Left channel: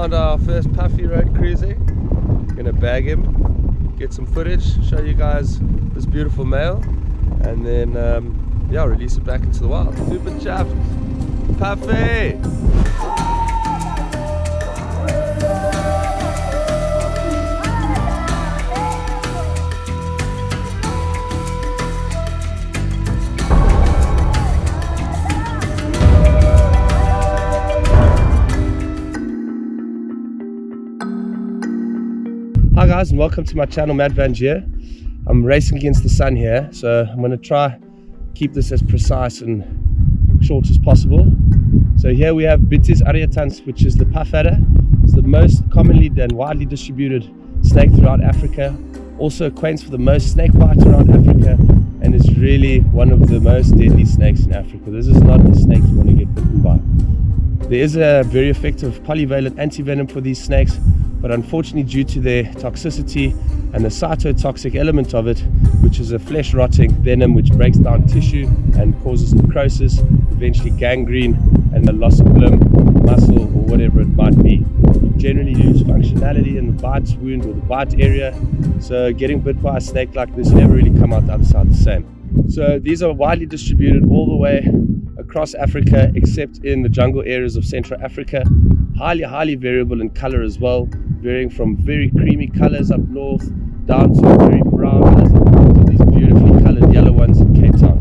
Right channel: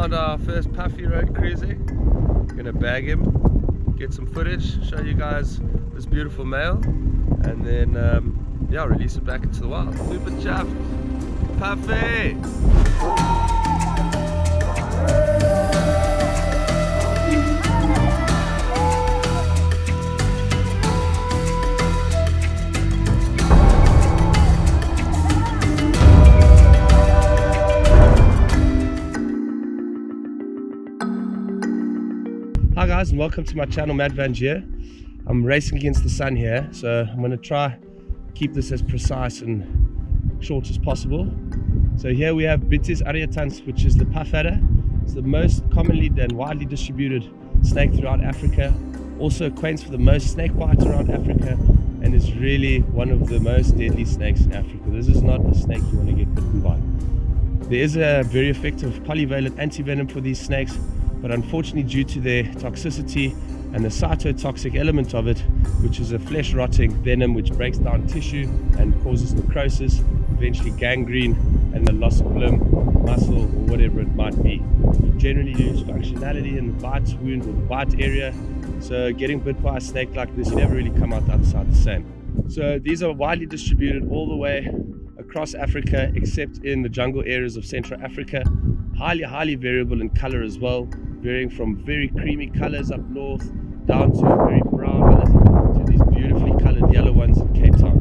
found our first puffy road cruising. Gonna bag him, get some footage, show you guys this beautiful male, and then yeah, release it back into the wild. Super chuffed. Puffy! Hi guys, and welcome to my channel MatVanGeo. I'm racing against the sun here, so I'm going to try keep this as precise and short as possible. So here we have Bitis arietans, which is the puff adder. It's the most commonly and widely distributed snake throughout Africa. Also acquaints for the most snake bite around Africa, and is really one of the most deadly snakes in Africa. This is not a snake you want to get bitten by. There is a very effective polyvalent antivenom for these snakes, but unfortunately due to their toxicity and the cytotoxic element of it, which is a flesh rotting venom which breaks down tissue and causes necrosis, eventually gangrene and the loss of limb, muscle, or whatever it might be. You generally lose functionality in the bite wound or the bite area, so getting bit by a snake like this, you never really come out the other side the same. So these are widely distributed all the way across Africa, except in the jungle areas of Central Africa. Highly variable in color as well, varying from very creamy colors up north down to very brown colors to these beautifully colored yellow ones in Cape Town.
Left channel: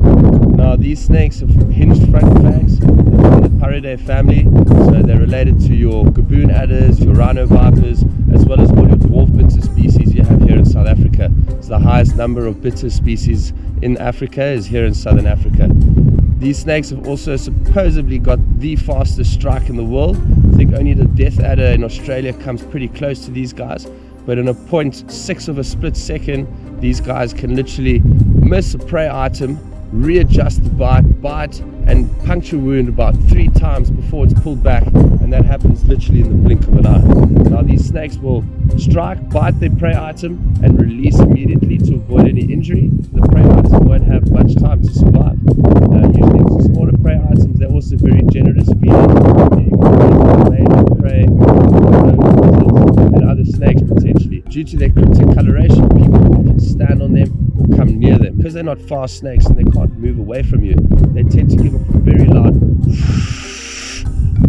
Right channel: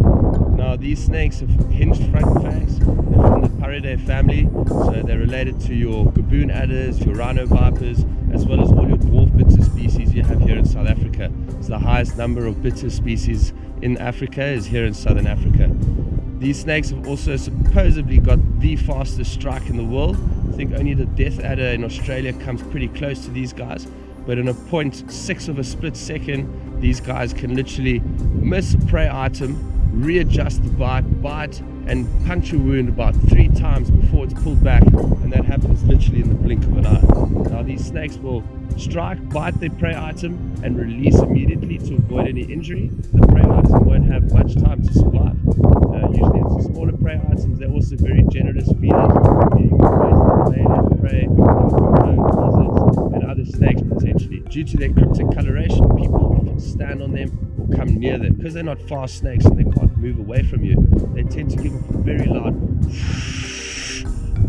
Now these snakes have hinged front fangs. They're from the Paridae family, so they're related to your gaboon adders, your rhino vipers, as well as all your dwarf bitter species you have here in South Africa. So the highest number of bitter species in Africa is here in Southern Africa. These snakes have also supposedly got the fastest strike in the world. I think only the death adder in Australia comes pretty close to these guys, but in a 0.6 of a split second, these guys can literally miss a prey item, readjust the bite and puncture wound about 3 times before it's pulled back, and that happens literally in the blink of an eye. Now these snakes will strike, bite their prey item and release immediately to avoid any injury. The prey item won't have much time to survive. Usually it's the smaller prey items. They're also very generous feeders, feeding on major prey, lizards and other snakes potentially. Due to their cryptic coloration, people often stand on them or come near them. Because they're not fast snakes and they can't move away from you, they tend to give off a very loud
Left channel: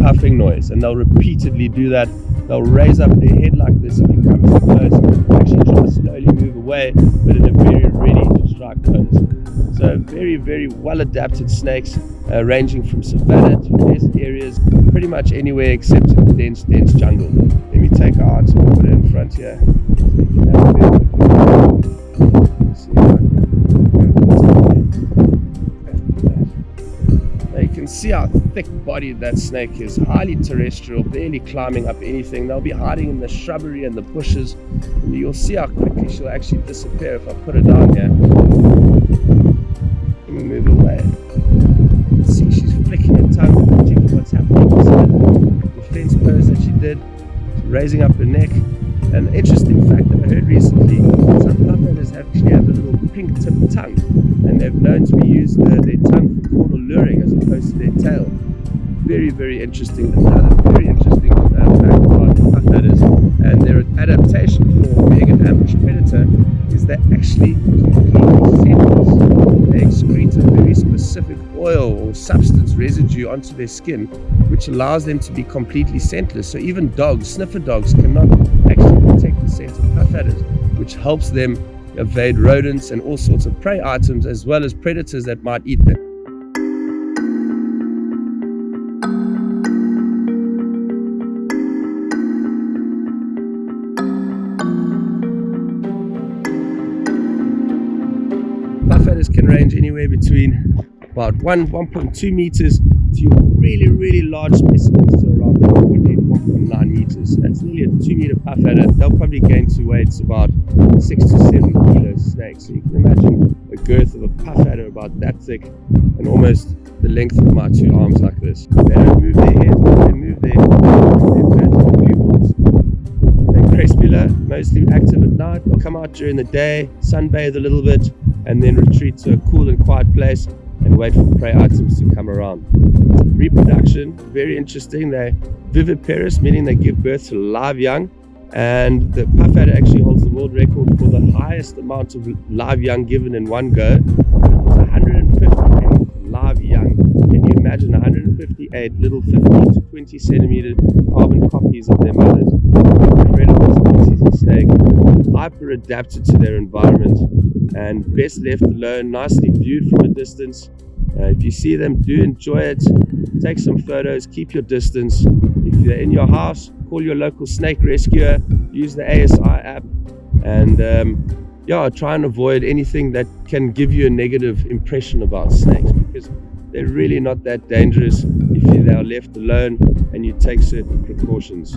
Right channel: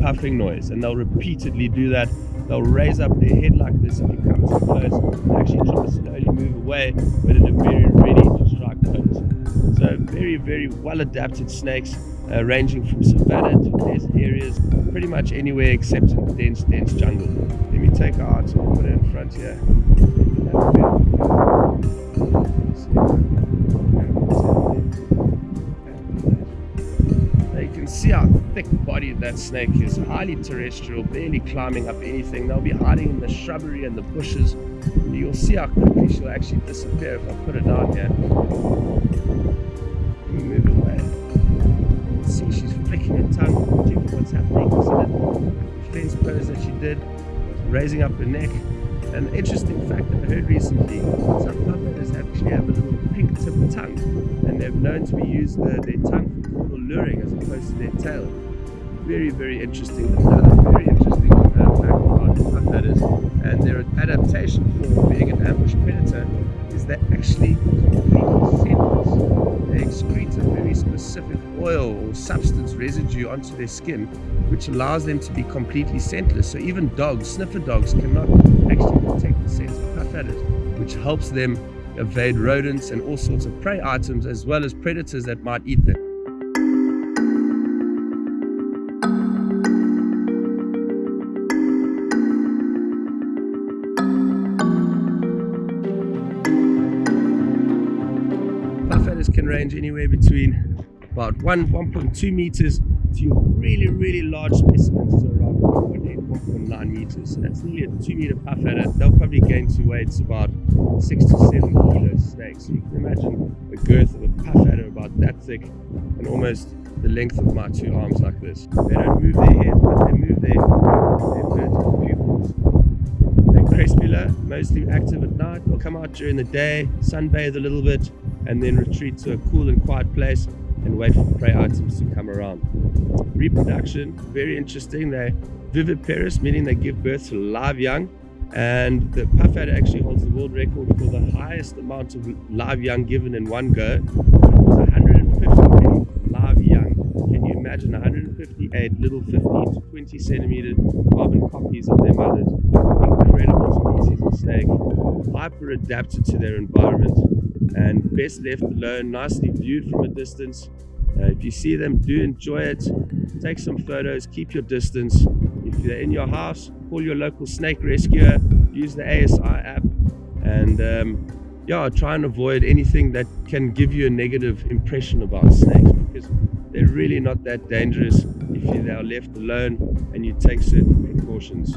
puffing noise, and they'll repeatedly do that. They'll raise up their head like this if you come too close, actually try to slowly move away, but in a very ready to strike pose. So very well adapted snakes, ranging from savanna to desert areas, pretty much anywhere except in the dense jungle. Let me take her out and put her in front here, so you can have a better look. See how I can do that. Now you can see how thick-bodied that snake is, highly terrestrial, barely climbing up anything. They'll be hiding in the shrubbery and the bushes, and you'll see how quickly she'll actually disappear if I put her down here. Let me move away. You can see she's flicking her tongue, checking what's happening. You see that defense pose that she did, raising up her neck. An interesting fact that I heard recently, some puff adders actually have a little pink tipped tongue, and they've known to use their tongue for caudal luring as opposed to their tail. Very interesting. Another very interesting fact about puff adders and their adaptation for being an ambush predator is they're actually completely scentless. They excrete a very specific oil or substance residue onto their skin, which allows them to be completely scentless. So even dogs, sniffer dogs, cannot actually detect the scent of puff adders, which helps them evade rodents and all sorts of prey items, as well as predators that might eat them. Puff adders can range anywhere between about 1.2 meters to your really large specimens to around 1.8, 1.9 meters. So that's nearly a 2-meter puff adder. They'll probably gain to weights about 6 to 7 kilo snakes. So you can imagine a girth of a puff adder about that thick and almost the length of my 2 arms like this. They don't move their heads, but they move their vertical pupils. They're crepuscular, mostly active at night. They'll come out during the day, sunbathe a little bit, and then retreat to a cool and quiet place and wait for prey items to come around. Reproduction, very interesting. They're viviparous, meaning they give birth to live young, and the puffadder actually holds the world record for the highest amount of live young given in one go. But it was 158 live young. Can you imagine 158 little 15 to 20 centimeter carbon copies of their mothers? Incredible species of snake, hyper adapted to their environment and best left alone, nicely viewed from a distance. If you see them, do enjoy it. Take some photos, keep your distance. If you're in your house, call your local snake rescuer, use the ASI app, and try and avoid anything that can give you a negative impression about snakes, because they're really not that dangerous if they are left alone and you take certain precautions.